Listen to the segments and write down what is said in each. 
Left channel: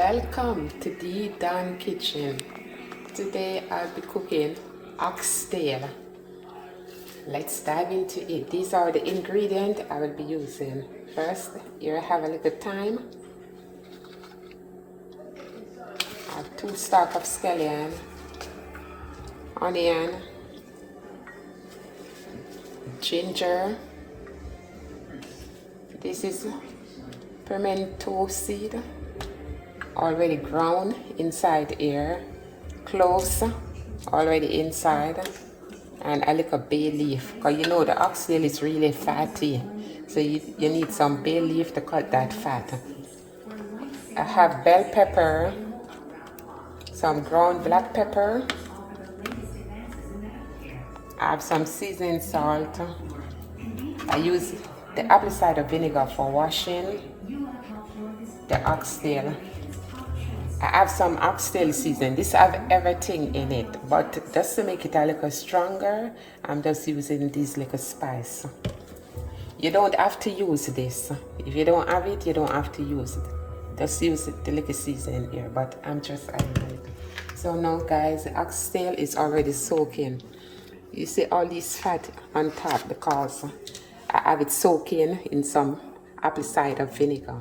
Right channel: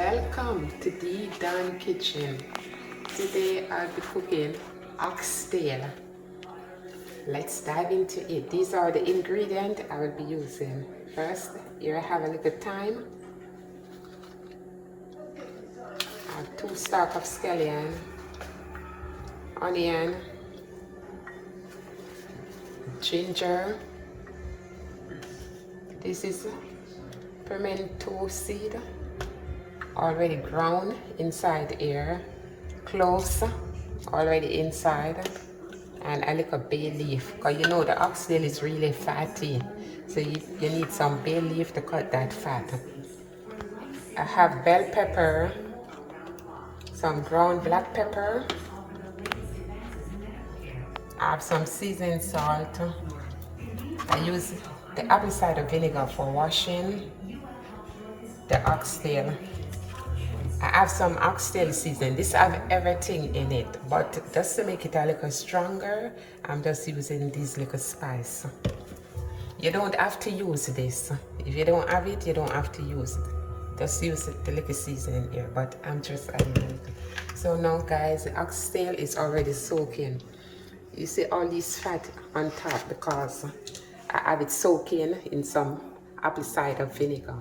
Welcome to the Dan Kitchen. Today I'll be cooking oxtail. Let's dive into it. These are the ingredients I will be using. First, here I have a little thyme. I have 2 stalks of scallion, onion, ginger. This is pimento seed, already ground inside here, cloves already inside, and a little bay leaf, because you know the oxtail is really fatty, so you need some bay leaf to cut that fat. I have bell pepper, some ground black pepper, I have some seasoned salt. I use the apple cider vinegar for washing the oxtail. I have some oxtail season. This have everything in it, but just to make it a little stronger, I'm just using these little spice. You don't have to use this. If you don't have it, you don't have to use it. Just use the little season here, but I'm just adding it. So now guys, the oxtail is already soaking. You see all this fat on top because I have it soaking in some apple cider vinegar.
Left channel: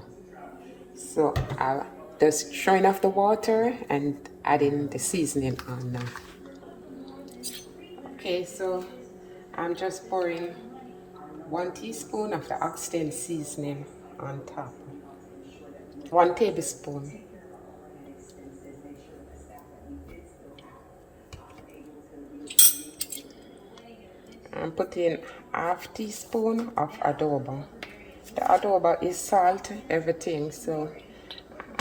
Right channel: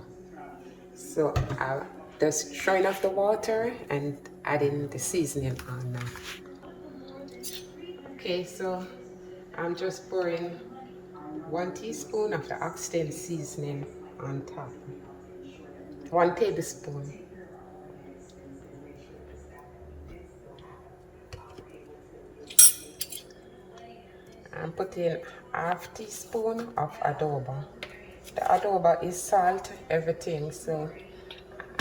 So I just throwing off the water and adding the seasoning on now. Okay, so I'm just pouring 1 teaspoon of the oxtail seasoning on top. 1 tablespoon. I'm putting 1/2 teaspoon of adobo. The adobo is salt, everything, so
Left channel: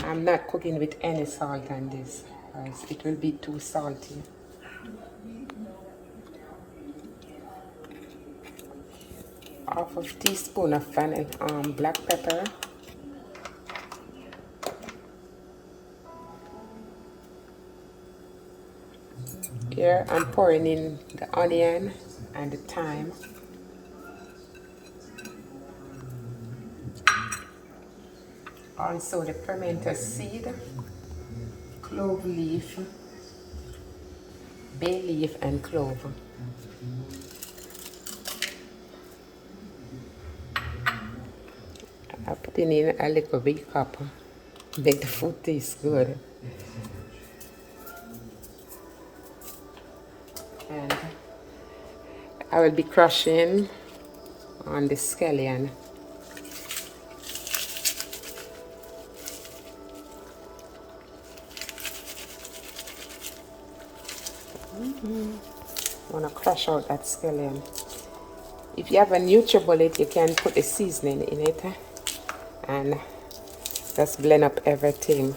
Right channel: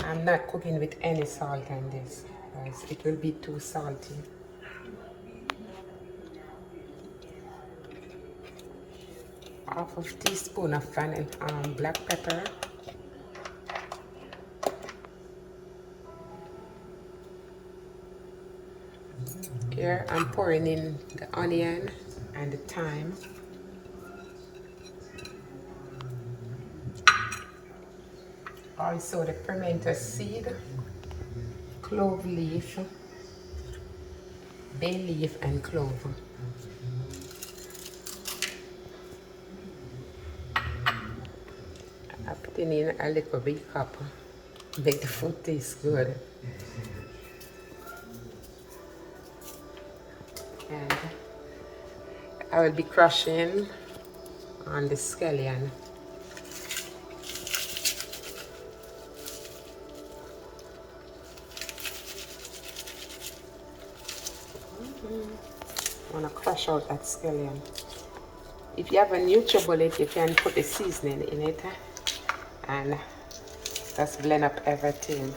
I'm not cooking with any salt on this, because it will be too salty. Half a teaspoon of black pepper. Here I'm pouring in the onion and the thyme. Also the pimento seed, clove leaf, bay leaf and clove. I'm putting in a little big cup, make the food taste good. And I will be crushing on the scallion. I want to crush out that scallion. If you have a NutriBullet, you can put the seasoning in it and just blend up everything.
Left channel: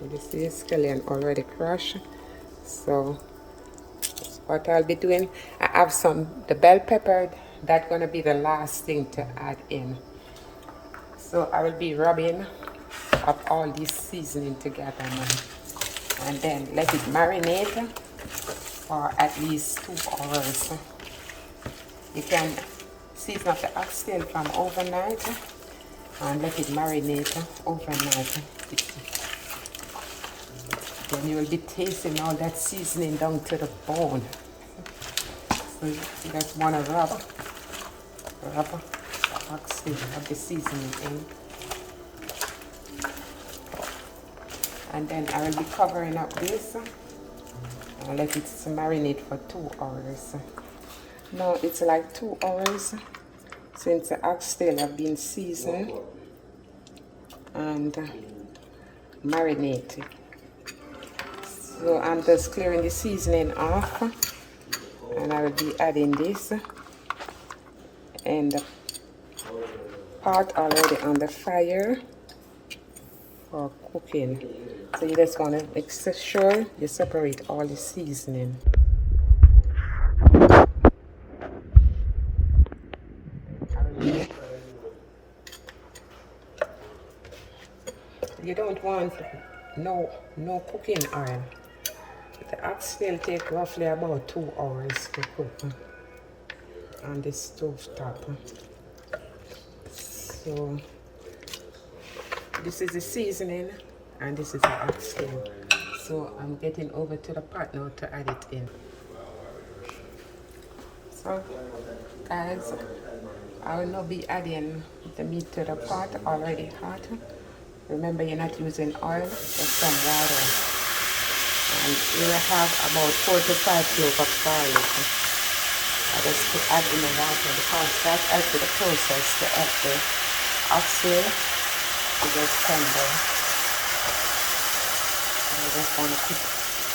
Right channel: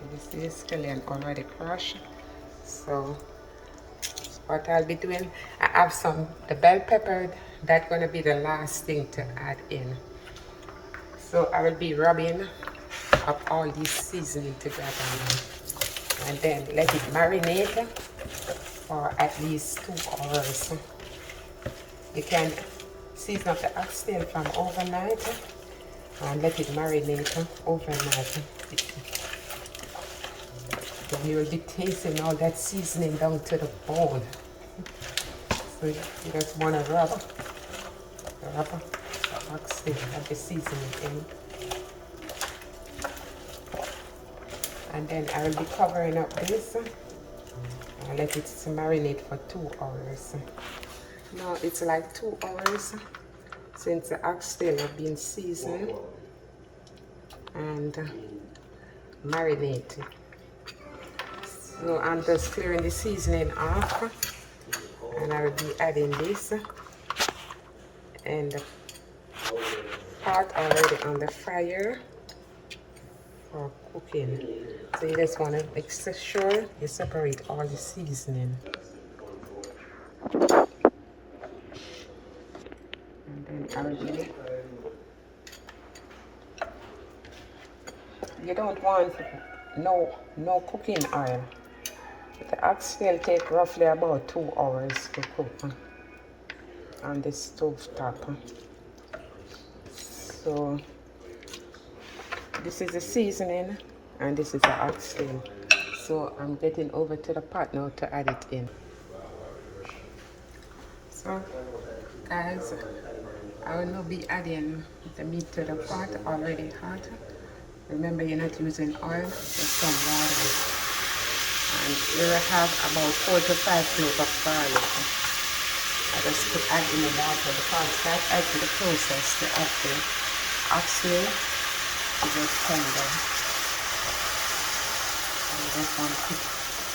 You see the scallion already crushed. So what I'll be doing, I have the bell pepper, that's gonna be the last thing to add in. So I will be rubbing up all this seasoning together now. And then let it marinate for at least 2 hours. You can season up the oxtail from overnight and let it marinate overnight. Then you will be tasting all that seasoning down to the bone. So you just want to rub oxtail of the seasoning in. And then I will be covering up this and let it marinate for 2 hours. Now it's like 2 hours since the oxtail have been seasoned and marinated. So I'm just clearing the seasoning off and I will be adding this and the pot already on the fire for cooking. So you just want to make sure you separate all the seasoning. You don't want no cooking oil. The oxtail take roughly about 2 hours to cook on the stove top. So this is the seasoning and this is the oxtail. So I'm getting over to the pot now to add it in. So guys, I will now be adding the meat to the pot already hot. Remember, you're not using oil, just some water. And you will have about 4 to 5 cloves of garlic. I just put add in the water because that's actually the process to add the oxtail to just tender. I just want to put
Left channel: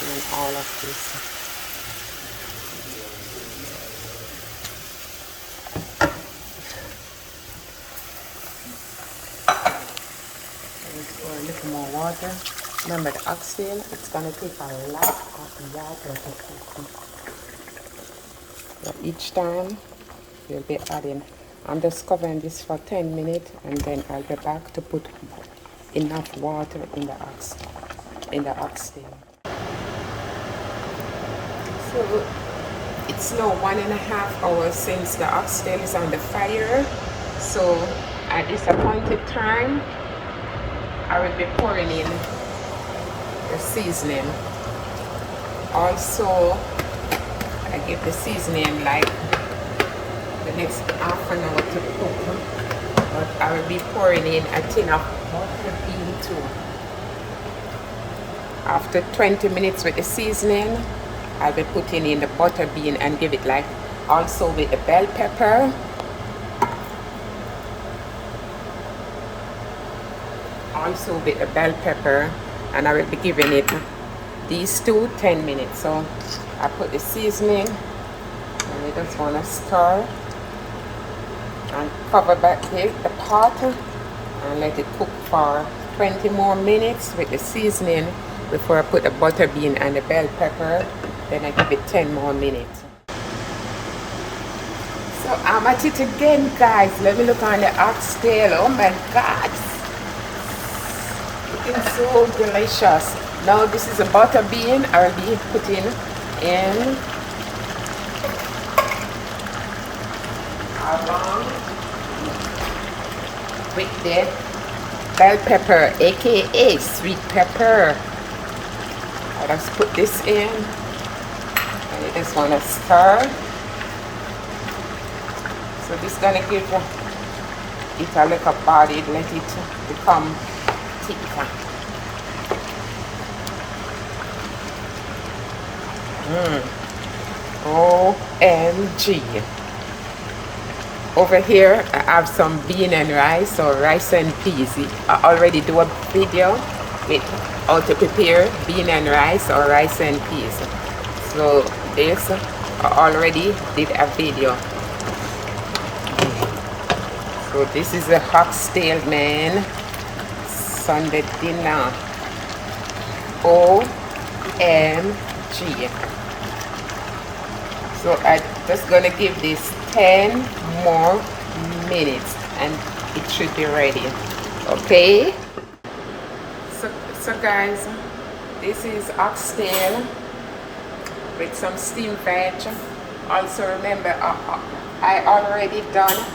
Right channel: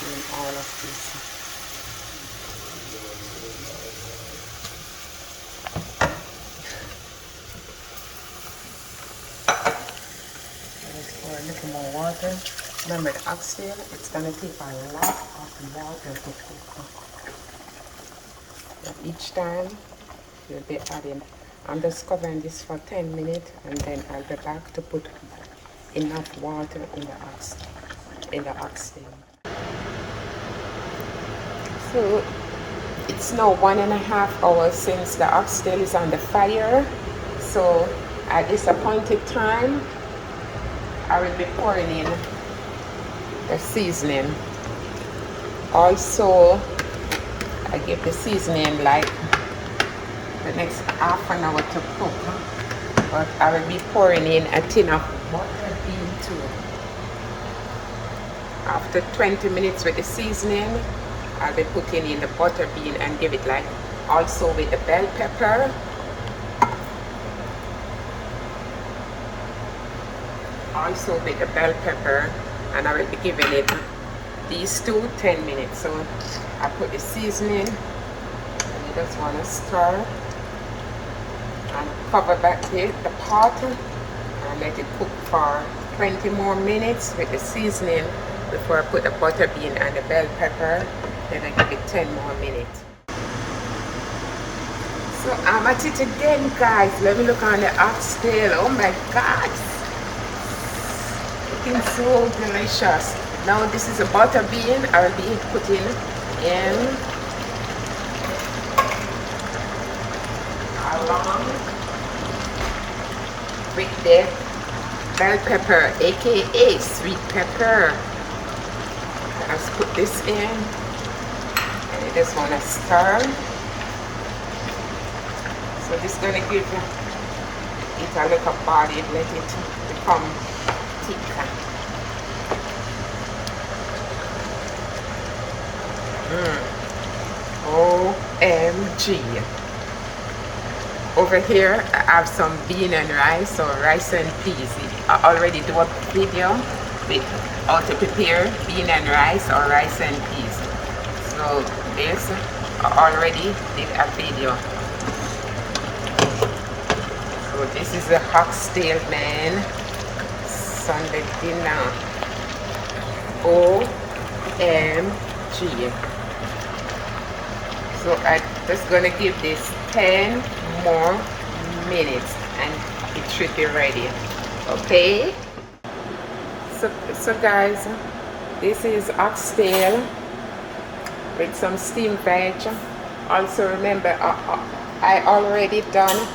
in all of this. Let's pour a little more water. Remember the oxtail, it's going to take a lot of water to cook. But each time you'll be adding. I'm just covering this for 10 minutes and then I'll be back to put enough water in the oxtail. So it's now 1.5 hours since the oxtail is on the fire. So at this appointed time, I will be pouring in the seasoning. Also, I give the seasoning like the next half an hour to cook, but I will be pouring in a tin of butter bean too. After 20 minutes with the seasoning, I'll be putting in the butter bean and give it like also with the bell pepper. Also with the bell pepper, and I will be giving it these two 10 minutes. So I put the seasoning, and you just want to stir and cover back the pot and let it cook for 20 more minutes with the seasoning before I put the butter bean and the bell pepper. Then I give it 10 more minutes. So I'm at it again, guys. Let me look on the oxtail. Oh my God, looking so delicious. Now this is a butter bean I'll be putting in along with the bell pepper, aka sweet pepper. I just put this in and you just want to stir. So this is gonna give it a little body, let it become thicker. OMG. Over here I have some bean and rice or rice and peas. I already do a video with how to prepare bean and rice or rice and peas. So this I already did a video. So this is a oxtail, man. Sunday dinner. OMG. So I'm just gonna give this 10 more minutes and it should be ready. Okay? So guys, this is oxtail with some steamed veg. Also remember, I already done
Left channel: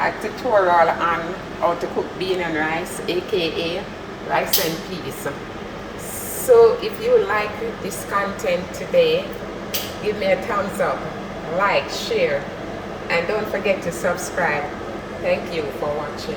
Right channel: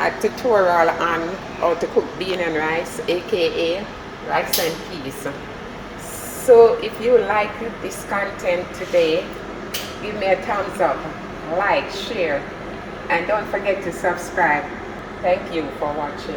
a tutorial on how to cook bean and rice, aka rice and peas. So if you like this content today, give me a thumbs up, like, share, and don't forget to subscribe. Thank you for watching.